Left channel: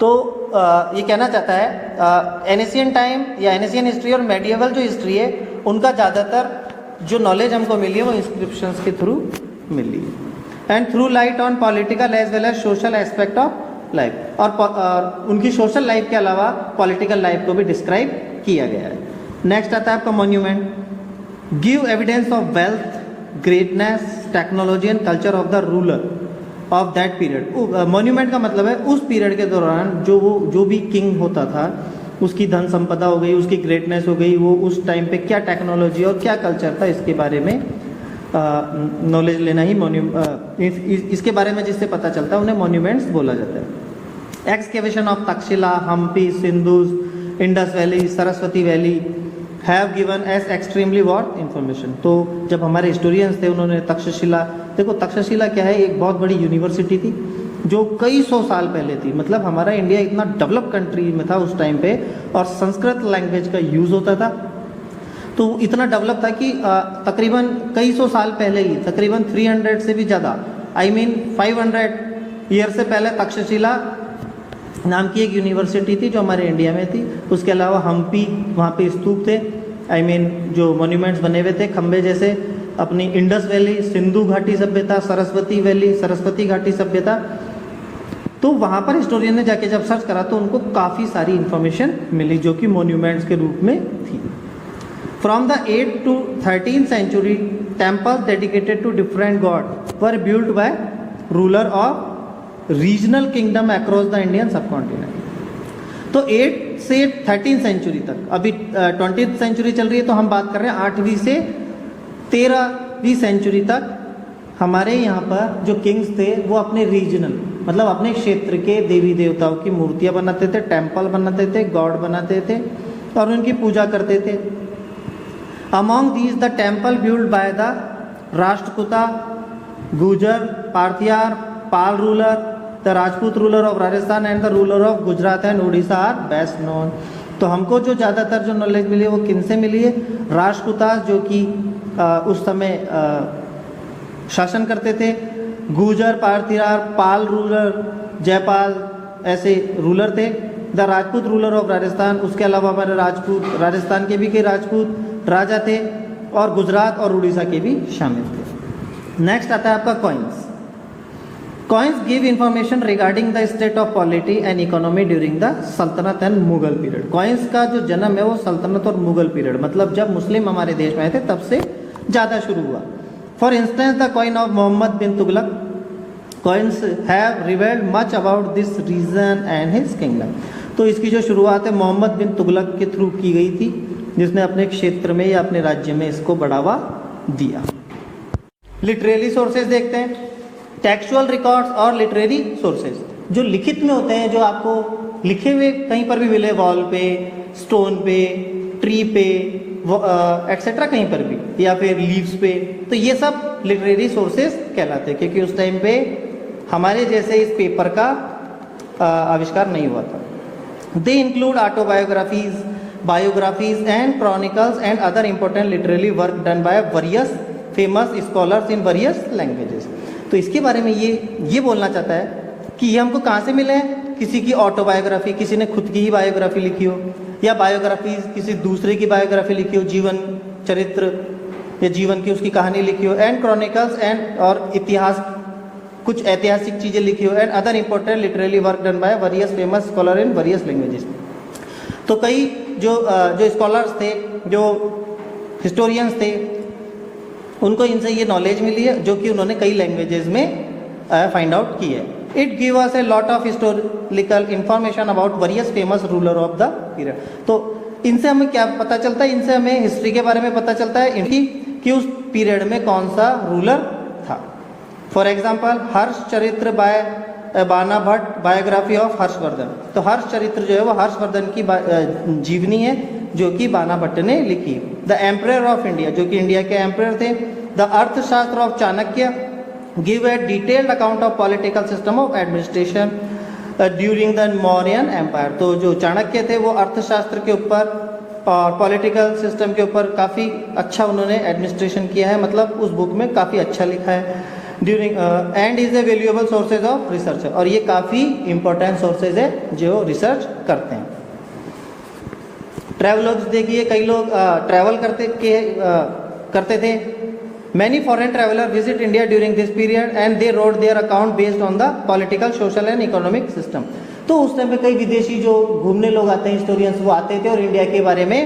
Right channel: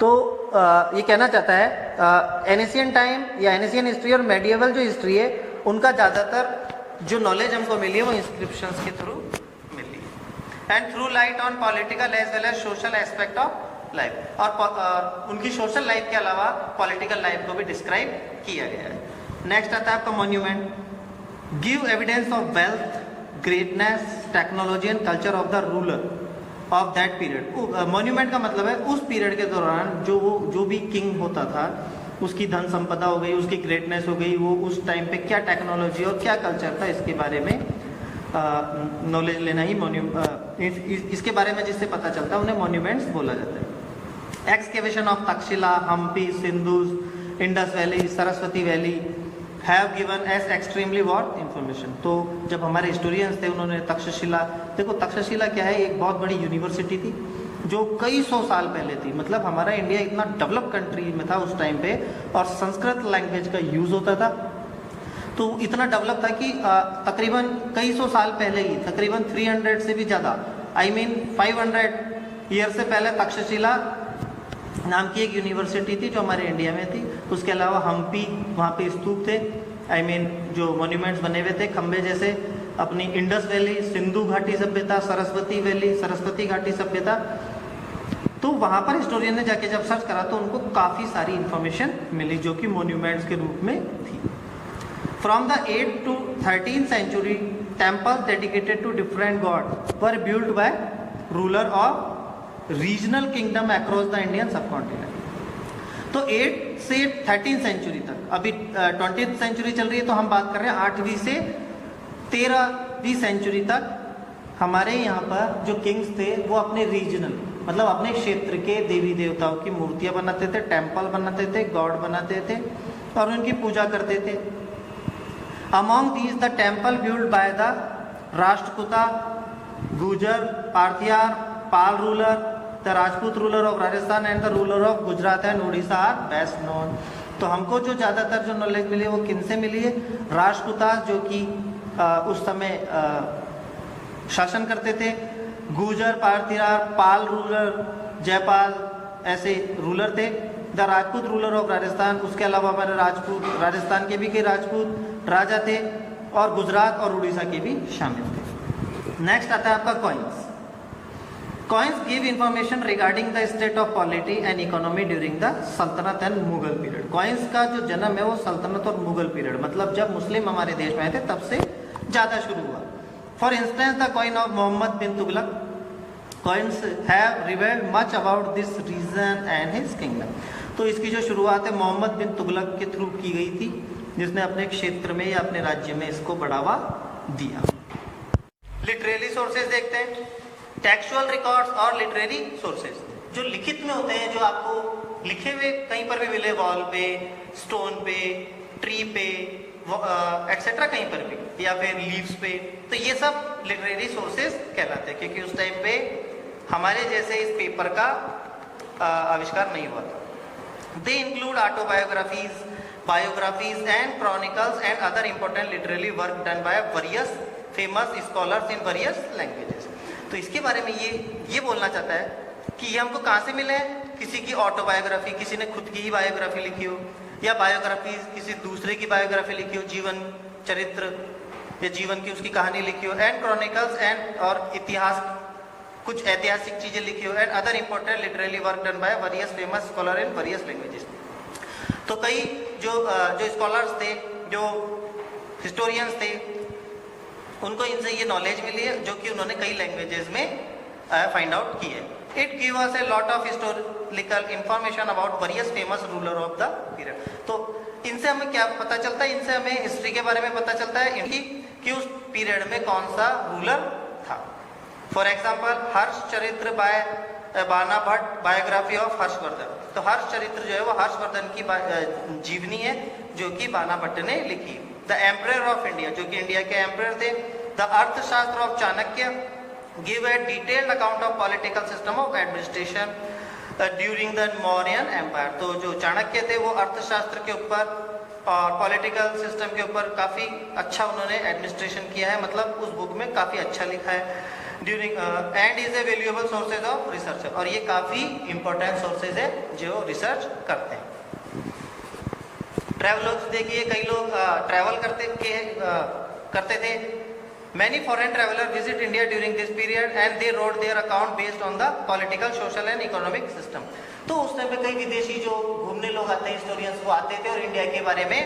तो ये कहना चाहता है एनिशियन टाइम या एनिशियन हिस्ट्री और मेडिएवल जो हिस्ट्री है उनका ज़्यादातर जो नॉलेज हमको मिली है वो इंस्क्रिप्शंस के थ्रू मिली है and through light on political as well as social aspect of life और उनकी सोशल लाइफ के अलावा पॉलिटिकल लाइफ को भी डिस्क्राइब किया गया है। नेक्स्ट आता है आपका monument, give evidence of wealth, greatness, technology and culture of the ruler of that period. Monument का मतलब है उस पीरियड के दौरान जो भी किंग होता था उसकी धन संपदा हो गई, उसकी ग्रेटनेस हो गई, वो उस टाइम पे क्या टेक्नोलॉजी और क्या कल्चर था इसके बारे में नॉलेज लेना ही इसके बारे में जिससे पता चलता है उन्हें मॉन्यूमेंट्स बोला जाता है। एक्सकेवेशन ऑफ तक्षशिला, हम्पी, सिंधुज, Indus valley, Saraswati valley have given as extremely what information. तो जब हमारे हिस्टोरियंस थे उन्होंने तक्षशिला, देखो तक्षशिला क्या है, एक बहुत बड़ी यूनिवर्सिटी थी जो कई सौ साल पहले थी। मतलब हमारा इंडिया इतना डेवलप कंट्री में था उस टाइम पे और संस्कृत लैंग्वेज का यूज होता था, तो इतना डेवलप था कि तकरीबन कई सौ साल पहले ही, तकरीबन 300 से भी ज़्यादा, आई मीन 500 ईयर से पहले तक्षशिला नाम की एक यूनिवर्सिटी थी जो हमारे इंडिया में थी। उसके अलावा हम्पी, वहाँ पे स्तूप थे, आई मीन जो मॉन्यूमेंट्स बने हुए थे खंबे जैसे। अपनी इंडस वैली, सिंधु घाटी सभ्यता, सरस्वती वैली, सरस्वती घाटी सभ्यता, तो वहाँ पर हिस्टोरियन ने जाके जब सर्च करा तो उनको काफ़ी सारी इंफॉर्मेशन मिली जो कि मॉन्यूमेंट्स के रूप में थी। From the 8th to 13th century, temples dedicated to different gods were built by ruler of regional kingdom across the Indian subcontinent. तो 8 से 13th सेंचुरी तक, अभी 20th सेंचुरी चल रही है तो हम बात कर रहे हैं 8वीं से 13वीं सेंचुरी तक हमारे यहाँ पर जो किंग्स थे वो अपने रीजनल मतलब अपने क्षेत्र के देवी देवताओं की मूर्तियां बनाते थे, टेम्पल बनाते थे, गॉड बनाते थे और उनकी पूजा करते थे। Among these the temple build by the Rashtrakuta, Gujar, Pratihara, Pala ruler, the Rajput ruler of Rajasthan and the ruler of Gujarat and Orissa are best known. तो हमको जो ज़्यादातर जो नॉलेज मिली है वो किन से मिली है? राष्ट्रकूता जो कि उस समय शासन करते थे, गुजर, पार्थियार, पाल रूलर, जयपाल ऐसे रूलर थे, the Rajput ruler of Rajasthan, उसके अलावा हमारे राजपूत राजस्थान के भी कई राजपूत राजा थे और गुजरात और उड़ीसा के भी शामिल थे। नेक्स्ट आता है आपका coins. Coins give information regarding the state of polity and economy during the सल्तनत एंड मुगल पीरियड। कॉइन्स का जो जन्म है वो सल्तनत और मुगल पीरियड मतलब जब मुस्लिम हमारे देश में आए थे तब से ज़्यादा शुरू हुआ। For instance the coin of Mohammad bin Tughlaq, coins have revealed much about this region and his kingdom. तो इसकी जो शुरुआत है मोहम्मद बिन तुगलक के थ्रू की गई थी जिसने अपने क्षेत्र में या अपने राज्य में इसको बढ़ावा दिया। लिटरेरी सोर्सेज देखते हैं, टेक्सचुअल रिकॉर्ड्स और लिटरेरी सोर्सेज जो लिखित में होते हैं, जो आपको लिखे हुए कहीं पर भी मिले, वॉल पे, स्टोन पे, ट्री पे एक्सेट्रा कहीं पर भी, या फिर लीव्स पे, तो ये सब लिटरेरी सोर्सेज कहलाते हैं क्योंकि उस टाइम पे हमारे जैसे इस पेपर का आविष्कार नहीं हुआ था। They include autobiographies, biographies and chronicles and other important literary work done by various famous scholars in various languages. तो इसके बारे में ये बोलना चाहता है कि ये हमको कहाँ से मिले हैं? किसी की ऑटोबायोग्राफी, किसी ने खुद की ही बायोग्राफी लिखी हो, या बायोग्राफी किसी दूसरे की बायोग्राफी लिखी हो, जीवन चरित्र या जीवन की उसकी कहानी लिखी हो, एंड क्रॉनिकल्स एंड और इतिहास, कुछ ऐतिहासिक चीजें लिखी हो, and other important literary work done by various famous scholar in various languages. तो कई जो स्कॉलर्स थे, जो हिस्टोरियंस थे, उनको इनसे ये नॉलेज मिली है जो कि उन्होंने कई लैंग्वेजेस में फाइंड आउट की है। It give us a lot of historical information about various famous ruler of the period. तो इनसे हमें क्या पता चलता है? इनसे हमें हिस्ट्री के बारे में पता चलता है इनकी कि उस पीरियड में कौन सा रूलर था। फॉर एग्जाम्पल हर्ष चरित्र बाय बाना भट्ट, बायोग्राफी ऑफ हर्षवर्धन। तो हर्ष चरित्र जो है वो हर्षवर्धन की जीवनी है जो कि बाना भट्ट ने लिखी। द एम्परर ऑफ इंडिया जो कि इंडिया के एम्परर थे। The Arthashastra of Chanakya give a detailed account of political system of administration during the Mauryan empire. तो जो चाणक्य थे वो अर्थशास्त्र के ऊपर और पॉलिटिकल सिस्टम के ऊपर काफ़ी अच्छा उन्होंने एडमिनिस्ट्रेशन किया है, मतलब उस बुक में काफ़ी अच्छा लिखा है। During and is a valuable sources of research, और ये काफ़ी इंपॉर्टेंट सोर्सेज है जो रिसर्च करते हैं। ट्रैवलर्स देखिए, कई लोग ट्रैवल करते थे। Many foreign traveller visit India during this period and they road their account based on the political, social and economic system. तो उस टाइम पे कई विदेशी जो घूमने लोग आते हैं, हिस्टोरियंस, वो आते थे और इंडिया के बारे में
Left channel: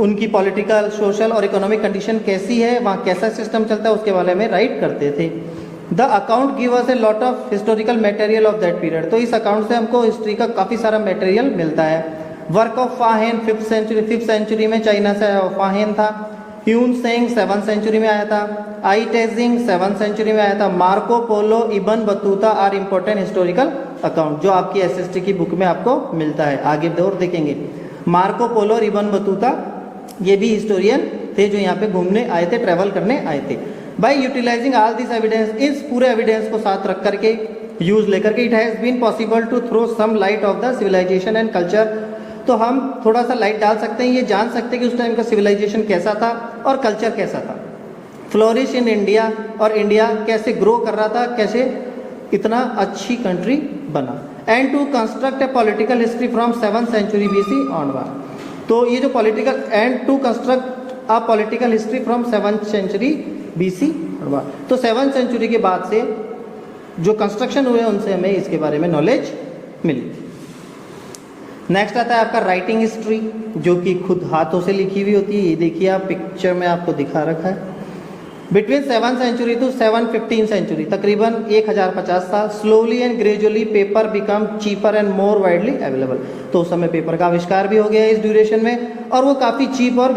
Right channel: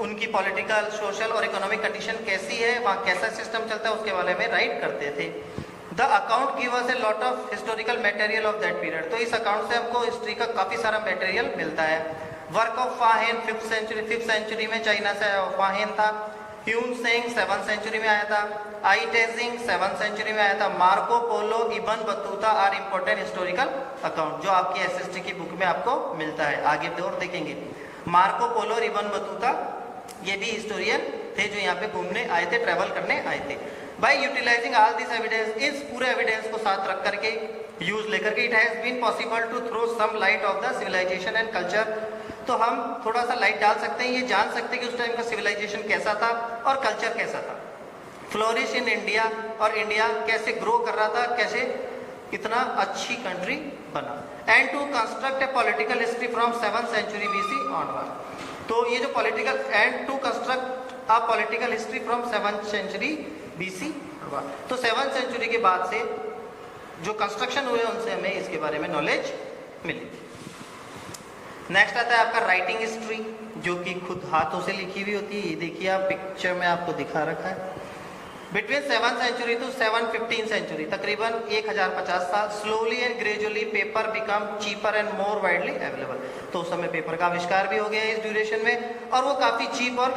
उनकी पॉलिटिकल, सोशल और इकोनॉमिक कंडीशन कैसी है, वहाँ कैसा सिस्टम चलता है, उसके बारे में राइट करते थे। The account give us a lot of historical material of that period. तो इस अकाउंट से हमको हिस्ट्री का काफ़ी सारा मटेरियल मिलता है। वर्क ऑफ फाहेन 5th सेंचुरी में चाइना से फाहेन था। ह्यून सेंग 7th सेंचुरी में आया था। आई टेजिंग 7th सेंचुरी में आया था। Marco Polo, Ibn Battuta are important historical account, जो आपकी एसएसटी की बुक में आपको मिलता है। आगे और देखेंगे मार्को पोलो और इबन बतूता, ये भी हिस्टोरियन थे जो यहाँ पे घूमने आए थे, ट्रेवल करने आए थे। By utilising all this evidence, इस पूरे एविडेंस को साथ रख करके, यूज लेकर के, it has been possible to throw some light of the civilisation and culture. तो हम थोड़ा सा लाइट डाल सकते हैं, ये जान सकते हैं कि उस टाइम का सिविलाइजेशन कैसा था और कल्चर कैसा था। फ्लोरिश इन इंडिया, और इंडिया कैसे ग्रो कर रहा था, कैसे इतना अच्छी कंट्री बना। And to construct a political history from 7th century BC onward. तो ये जो political, and to construct a political history from 7th century BC onward. तो 7th सेंचुरी के बाद से जो कंस्ट्रक्शन हुए उनसे हमें इसके बारे में नॉलेज मिली। नेक्स्ट आता है आपका राइटिंग हिस्ट्री, जो कि खुद हाथों से लिखी हुई होती है। ये देखिए आप पिक्चर में आपको दिखा रखा है। Between 7th century to 715 century, तकरीबन 1050 साल, slowly and gradually paper become cheaper and more widely available. तो उस समय पेपर का आविष्कार भी हो गया इस ड्यूरेशन में, और वो काफ़ी चीप और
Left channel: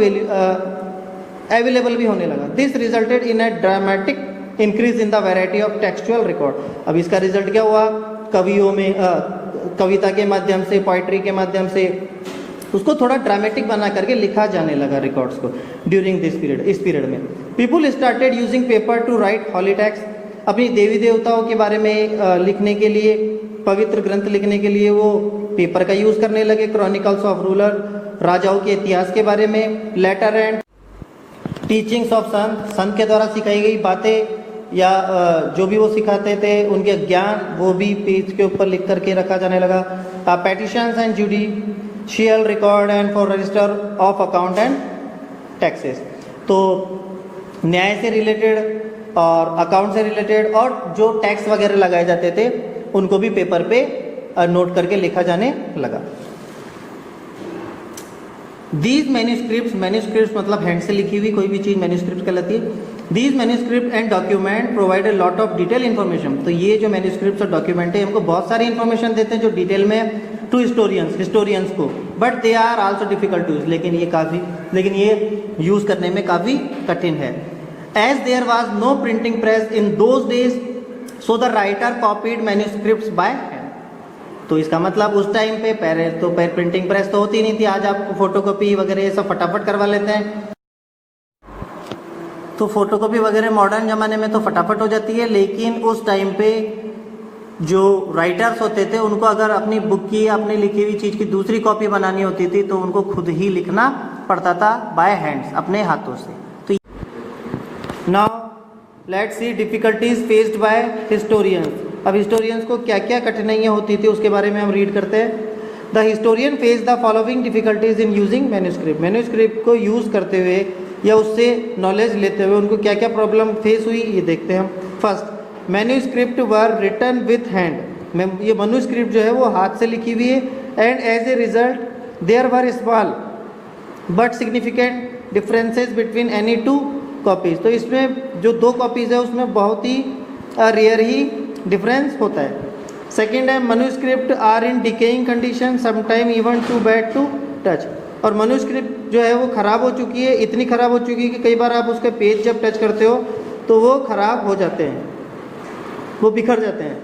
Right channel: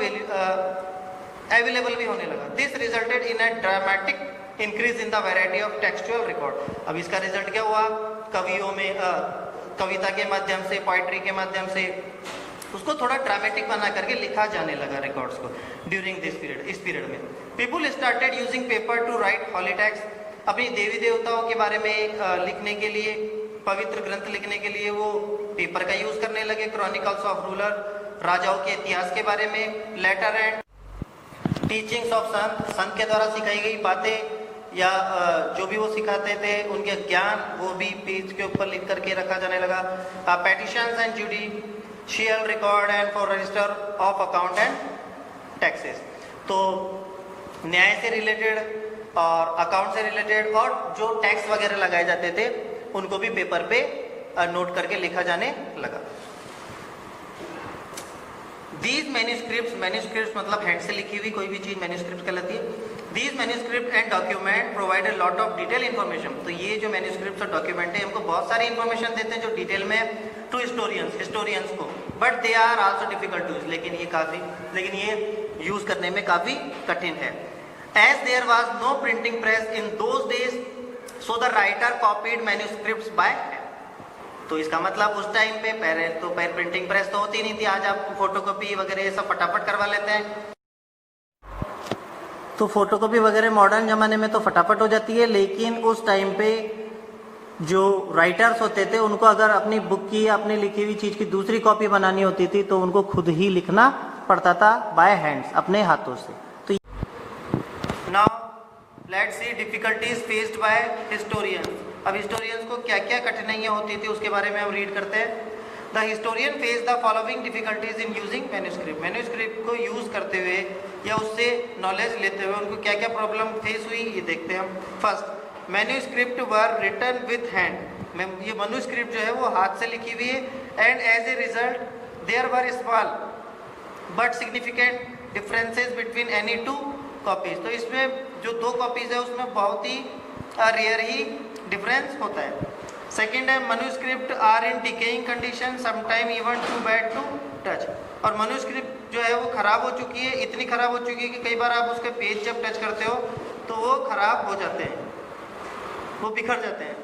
अवेलेबल भी होने लगा। This resulted in A dramatic increase in the variety of textual record. अब इसका रिजल्ट क्या हुआ, कवियों में कविता के माध्यम से, पोइट्री के माध्यम से उसको थोड़ा ड्रामेटिक बना करके लिखा जाने लगा रिकॉर्ड्स को ड्यूरिंग दिस पीरियड। इस पीरियड में people started using paper to write holy text. अपनी देवी देवताओं के बारे में लिखने के लिए, पवित्र ग्रंथ लिखने के लिए वो पेपर का यूज करने लगे। क्रॉनिकल्स ऑफ रूलर, राजाओं के इतिहास के बारे में। लेटर एंड टीचिंग्स ऑफ संत के द्वारा सिखाई गई बातें या जो भी वो सिखाते थे उनके ज्ञान, वो भी पेज के ऊपर लिख करके रखा जाने लगा। Petitions and judicial record and for register of account and taxes. तो न्याय से रिलेटेड और अकाउंट से रिलेटेड और जो टैक्स वगैरह लगाए जाते थे उनको भी पेपर पे नोट करके लिखा जाने लगा। दीज मैन्यूस्क्रिप्ट्स मतलब हैंड से लिखी हुई कोई भी चीज मैन्यूस्क्रिप्ट कहलाती है। These manuscript and document provide a lot of detail information. तो ये जो मैन्यूस्क्रिप्ट और डॉक्यूमेंट है हमको बहुत सारी इन्फॉर्मेशन देते हैं जो डिटेल में टू हिस्टोरियंस को, but they are also difficult to use. लेकिन ये यूज करने में काफी कठिन है। As there was no printing press in those days, so the writer copied manuscripts by hand. तो इसका मतलब उस टाइम पे पहले प्रिंटिंग प्रेस तो होती नहीं थी। आज आप फोटोकॉपी वगैरह ये सब फटाफट करवा लेते हैं। तो फोटोकॉपी वगैरह मॉडर्न जमाने में तो फटाफट हो जाती है, लेकिन उस टाइम पे जो राइटर्स होते थे उनको अगर अपनी बुक की, अपनी लिखी हुई चीज की दूसरी कॉपी बनानी होती थी तो उनको खुद ही लिखना पड़ता था बाय हैंड्स, अपने हाथों से। तो now let's see difficulties faced by historians. अब हिस्टोरियंस को क्या क्या कठिनाइयाँ होती थी उसके बारे में हम रीड करते हैं। The historian face the following difficulties in using manuscript को यूज करते हुए या उससे नॉलेज लेते हुए उनको क्या क्या प्रॉब्लम फेस हुई ये देखते हैं हम। First, manuscript were written with hand. ये मैन्यूस्क्रिप्ट जो है वो हाथ से लिखी हुई है। And as a result there were small but significant differences between any two copies. तो इसमें जो दो कॉपीज है उसमें बहुत ही रेयर ही डिफरेंस होता है। सेकेंड है manuscript are in decaying condition, sometime even too bad to touch. और मैन्यूस्क्रिप्ट जो है वो खराब हो चुकी है, इतनी खराब हो चुकी है कि कई बार आप उसके पेज जब टच करते हो तो वो खराब हो जाते हैं, वो बिखर जाते हैं।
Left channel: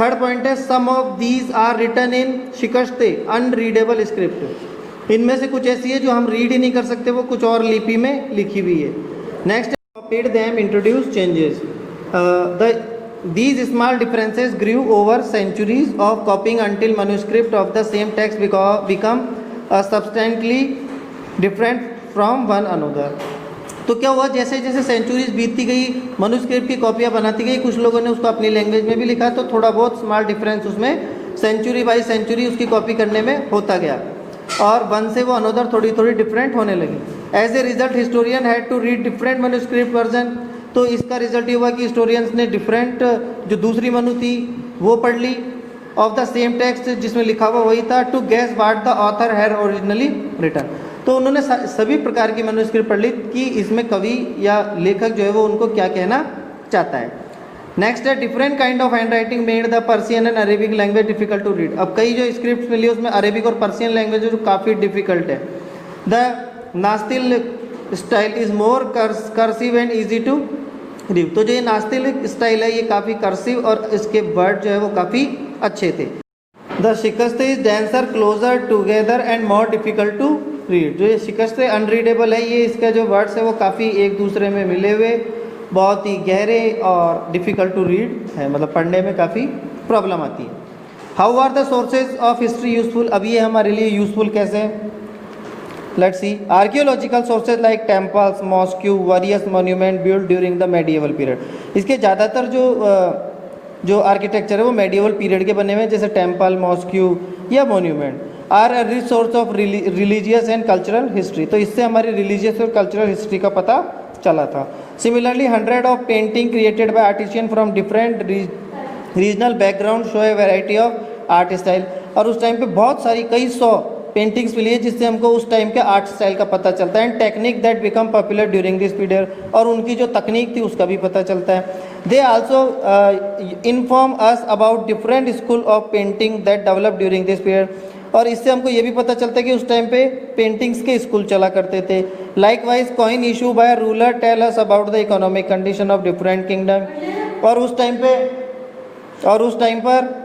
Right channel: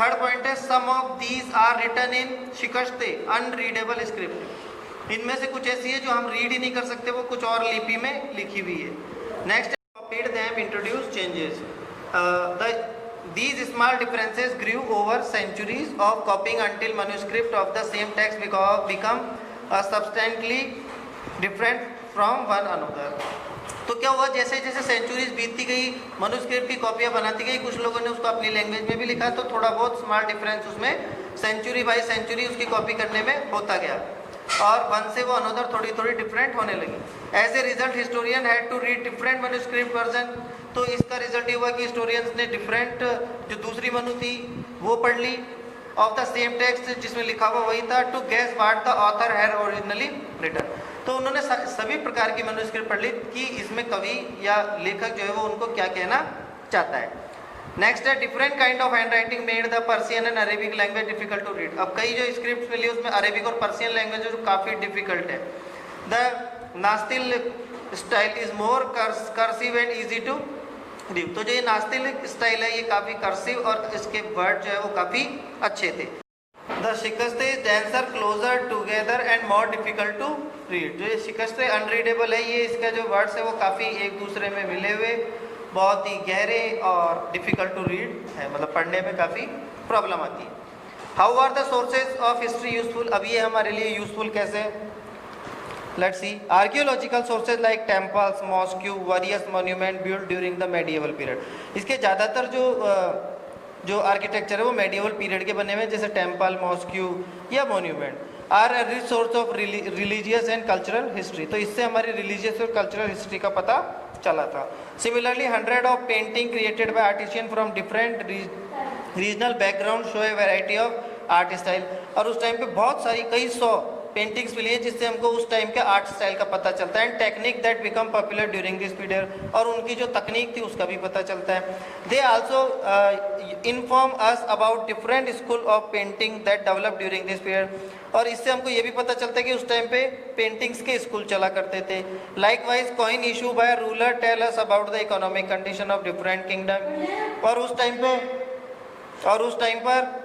थर्ड पॉइंट है some of these are written in Shikasta unreadable script. इनमें से कुछ ऐसी है जो हम रीड ही नहीं कर सकते, वो कुछ और लिपि में लिखी हुई है। Next, copied them introduce changes. These small differences grew over centuries of copying until manuscript of the same text become substantially different from one another. तो क्या हुआ, जैसे जैसे सेंचुरीज बीतती गई, मनुस्क्रिप्ट की कॉपियाँ बनाती गई, कुछ लोगों ने उसको अपनी लैंग्वेज में भी लिखा, तो थोड़ा बहुत स्मॉल डिफरेंस उसमें सेंचुरी बाई सेंचुरी उसकी कॉपी करने में होता गया, और वन से वो अनदर थोड़ी थोड़ी डिफरेंट होने लगी। As a result historian had to read different manuscript version, तो इसका रिजल्ट ये हुआ कि हिस्टोरियंस ने डिफरेंट जो दूसरी मनु थी वो पढ़ ली ऑफ द सेम टेक्स्ट जिसमें लिखा हुआ वही था, to guess what the author had originally written. तो उन्होंने सभी प्रकार की मैन्युस्क्रिप्ट पढ़ ली कि इसमें कवि या लेखक जो है वो उनको क्या कहना चाहता है। नेक्स्ट है different kind of hand writing made the Persian and Arabic language difficult to read. अब कई जो स्क्रिप्ट मिली उसमें अरेबिक और पर्सियन लैंग्वेज जो काफ़ी डिफिकल्ट है। The Nastaliq style is more cursive and easy to read. तो जो ये नास्तिल स्टाइल है ये काफ़ी कर्सिव और इसके वर्ड जो है वो काफ़ी अच्छे थे। The shikasta is denser closer together and more difficult to read. जो ये शिकस्त अनरीडेबल है, ये इसका जो वर्ड्स है वो काफ़ी एक दूसरे में मिले हुए, बहुत ही गहरे और डिफिकल्ट टू रीड है, मतलब पढ़ने में काफ़ी प्रॉब्लम आती है। How are the sources of history useful. अब ये हमारे लिए यूजफुल कैसे हैं, let's see. Archaeological sources like temples, mosque, various monument build during the medieval period. इसके ज़्यादातर जो आर्किटेक्चर है वो मेडिएवल पीरियड के बने हुए हैं, जैसे टेम्पल, मॉस्क्यू या monument are a rich source of religious and cultural history. तो इससे हमारी रिलीजियस और कल्चरल हिस्ट्री का पता चला था। Similarly 100 of painting created by artisan from different regional background show A variety of art style. और उस टाइम पे बहुत सारी कई 100 पेंटिंग्स मिली है जिससे हमको उस टाइम के आर्ट स्टाइल का पता चलता है। And technique that become popular during this period, और उनकी जो तकनीक थी उसका भी पता चलता है। They also inform us about different school of painting that develop during this period. और इससे हमको ये भी पता चलता है कि उस टाइम पे पेंटिंग्स के स्कूल चला करते थे। Likewise coin issue by ruler tell us about the economic condition of different kingdom. और उस टाइम पर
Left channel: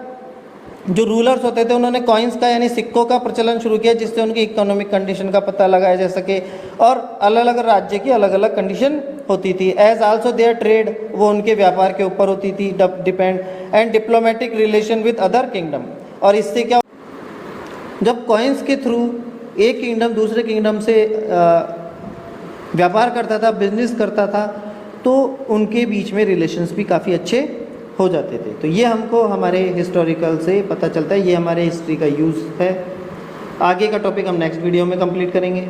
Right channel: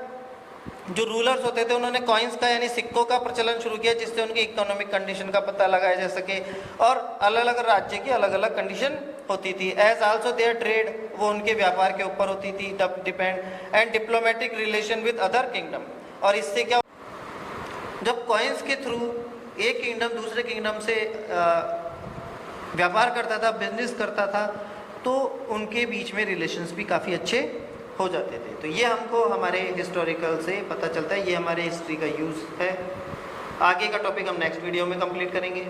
जो रूलर्स होते थे उन्होंने कॉइन्स का यानी सिक्कों का प्रचलन शुरू किया, जिससे उनकी इकोनॉमिक कंडीशन का पता लगाया जा सके। और अलग अलग राज्य की अलग अलग कंडीशन होती थी। एज आल्सो देयर ट्रेड, वो उनके व्यापार के ऊपर होती थी depend, and diplomatic relation with other kingdom. और इससे क्या, जब कॉइन्स के थ्रू एक किंगडम दूसरे किंगडम से व्यापार करता था, बिजनेस करता था, तो उनके बीच में रिलेशंस भी काफ़ी अच्छे हो जाते थे। तो ये हमको हमारे हिस्टोरिकल से पता चलता है, ये हमारे हिस्ट्री का यूज़ है। आगे का टॉपिक हम नेक्स्ट वीडियो में कंप्लीट करेंगे।